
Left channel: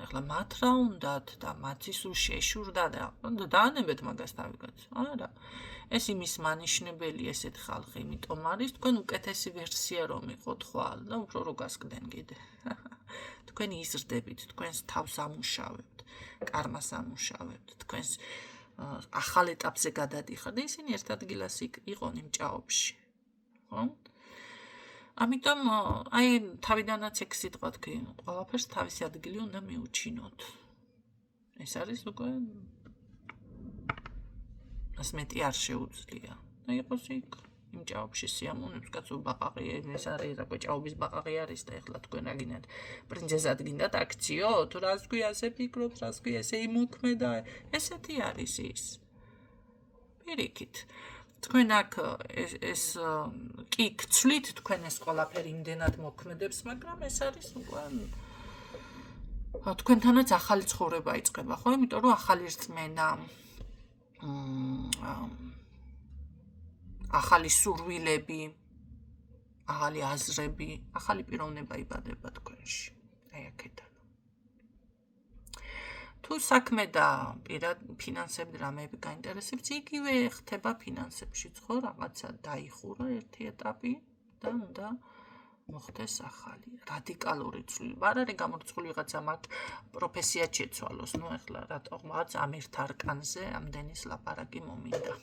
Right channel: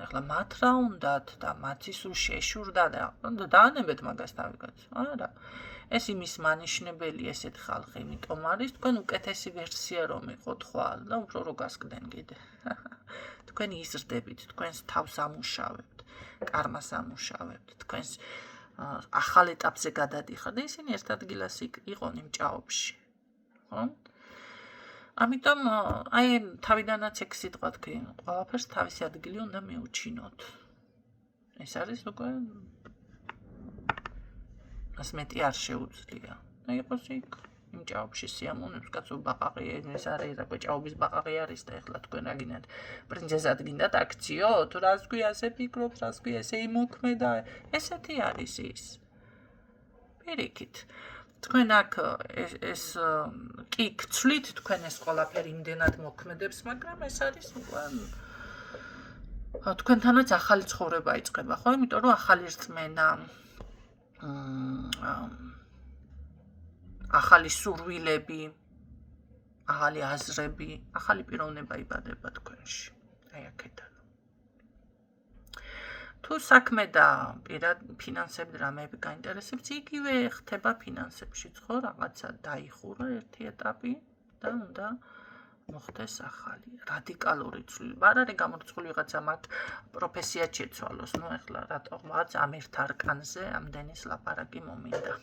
ახლა მათ რა უნდათ და მათი სულ შეშურდა და დაანებეთ მაგას თავიგაც. არა. ეს იმის მანიშნებელი ესეთ ხალხი, იმიტომ არის თქვენ უკეთესი ვერსია რომ იყოთ ხვალ და უფრო რო გასკდნენ კიდე. თქვენ იზრდებით, თქვენს თავს ამუშავებთ, კარმას ამუშავებთ, თქვენს ახალ ეტაპზე გადადიხართ და ისინი ერთ ადგილას იყონ იმ ჭაობში. ხო? ამიტომ აი თავიდანაც ეგ სიტყვა თქვი, ყველაფერს თავისი ადგილი უნდა მიუჩინოთ. ეს არის უკვე მას მეტი არ შეუძლია. და იყოს იქ იმ ჭაობში სიამოვნებს, კაცო ბაყაყია, ეს არის რა ჭაობის ბაყაყი არის და ეხლა თქვენ რა გინდათ პრინცესად გინდათ აქციო, თუ რას თქვი ასე ფიქრობთ, რას თქვი ესე იმოქმედა, ესეთი არის ის. პირიქით. თქვენ აქ ეს კი გცვლით თქვენ ეს ყველაფერი იმდენად მოქმედებს, მაგრამ ეს არის უკვე თქვენთანაც ახალი ცხოვრება იწყება, ხო? იმიტომ რომ ახალი რწმენა, ახალი სურვილები, ახალი აზრები, ახალი პიროვნება იბადება თქვენში. აი აქედან. თუ საქმე და ფინანსები რამეები გაინტერესებს, იგივე ხდება ფინანსებშიც, ხო? რაღაცა დაიხურა ერთი ეტაპი და უნდა მოხდეს ახალი, რადიკალური ცვლილება. არ არის გამორიცხული ვიღაცა მათ პროფესია შეცვალოს. ნუ ეხლა რატო რაღაც ამ ერთ არკანზე ამდენის ლაპარაკი მომინდა.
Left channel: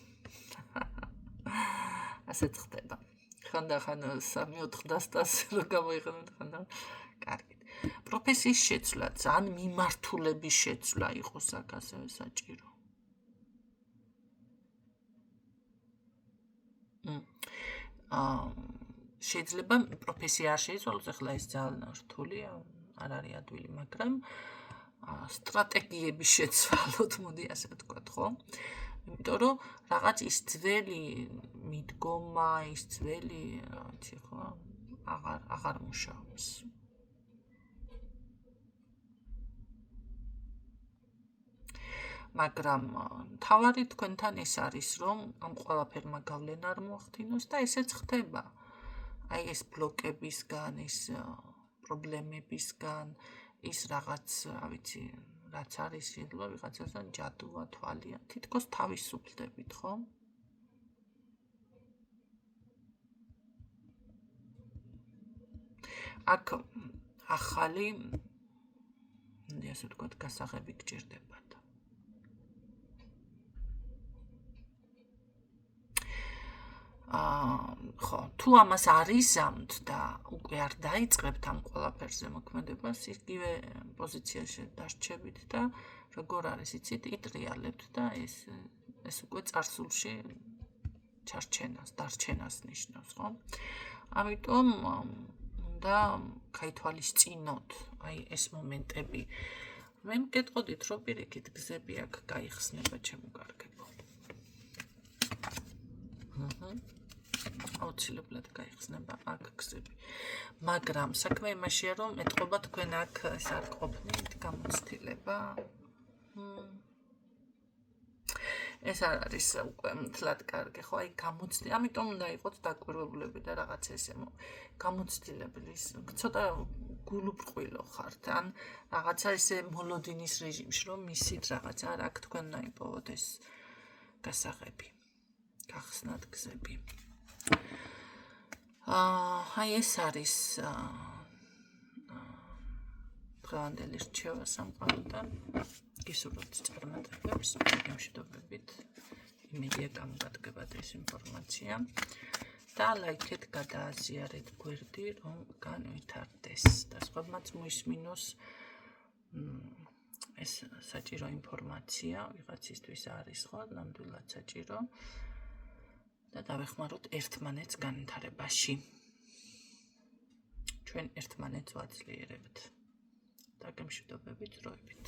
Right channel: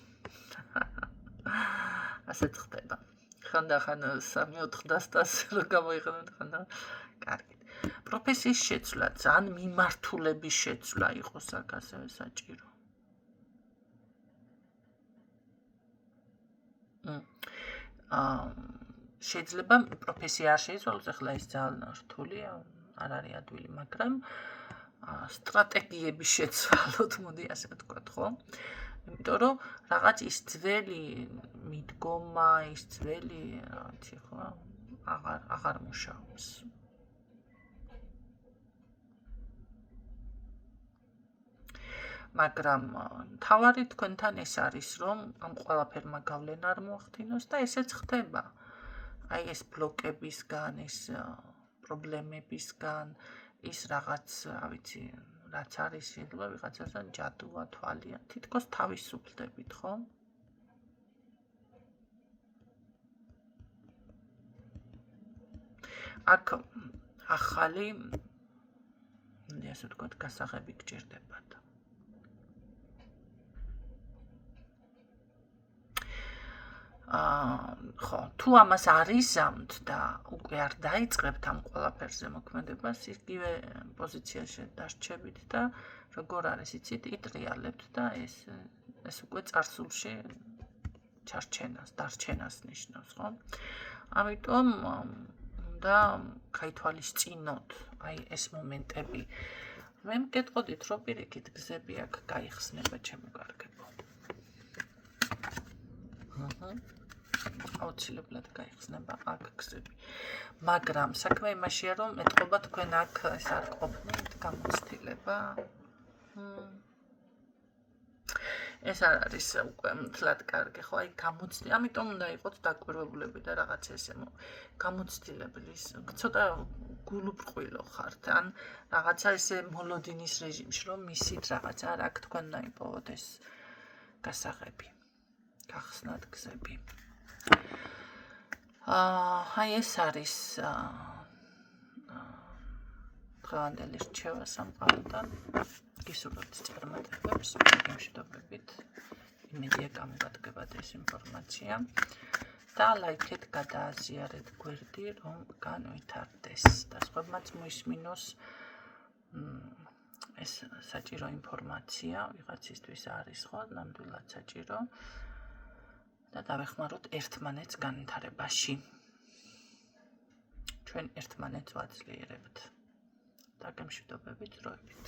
ასეც ხდება. ხანდახან 3-4 დასტას რო გამოიყენებთ ხანდახან. კარგი. პროფესიის შეცვლა, ან მიმართულების შეცვლა იყოს აქ ასევე საჭირო. შეიძლება პროფესია არ შეიცვალოს, ახლა ეს ძალიან რთულია, არ არის ადვილი, მაგრამ სტრატეგიების შეცვალოთ, მოდი ასე ვთქვათ, ხო? იმიტომ რომ რაღაც ის ძველი მიდგომა, ის ძველი, რა ვიცი, ხო, აღარ მუშაობს. მაგრამ თავარი თქვენთან ეს არის, რომ ამ ყველაფერმა გავლენა არ მოახდინოს და ესეც ხდება. აი ეს ბლოკებისგან, ეს პრობლემებისგან, ის რაღაც, რა ვიცი, რაც არის, შეიძლება ვიღაცასთან ჯადუა, თვალია, თითქოს თავისუფლდებით, ხო? აქ ახალი, ასე ვთქვათ, გასაღები გჭირდებათ. ხო, თუ ამას არ იზამთ და უკვე არ დაიწყებთ ამ ყველაფერზე მოქმედებას, იგივე პოზიციაში დარჩებით და როგორ არის, იცით, იტრიალებთ და ეს უკვე წარსულში დარჩენას ნიშნავს, ხო? ამიტომ უნდა გაითვალისწინოთ აი ეს მომენტები. მე მკითხოდით, რომ პირიქით გზები აქ გაიხსნება, ჩემო კარგებო. აუცილებლად გაიხსნება აქ გზები. მაგრამ საქმე იმაშია, რომ ეთყობა თქვენ აქ ეს არ ყოფნით გამოცდილება. ეს არ არის უკვე მთლად კარგი, ხო? აი გამოცდილება, ამიტომ უნდა იყოთ დაკვირვებულები და რაღაც ესე გამოცდილებული, ცოტა გულუბრყვილო ხართ, ან რაღაცა ესე მოლოდინის რეჟიმში, რომ მისით რაღაცა არ აქ თქვენ უნდა იპოვოთ ეს გასაღები. გახსნათ გზები. აი ეს არის დღევანდელი რჩევა სამყაროდან. გისურვებთ წარმატებებს, მშვიდობებით. იმედია გამოგადგებათ ეს ინფორმაცია და ლაიქეთ, გადააზიარეთ გვერდი, რომ განვითარდეს. და სხვებმაც მოისმინოს ეს საჭირო ინფორმაცია, ვიღაცისთვის არის ხო, ნამდვილად საჭირო. და დავეხმაროთ ერთმანეთს განვითარებაში. ჩვენ ერთმანეთს ვაძლიერებთ. და გემშვიდობებით დროებით.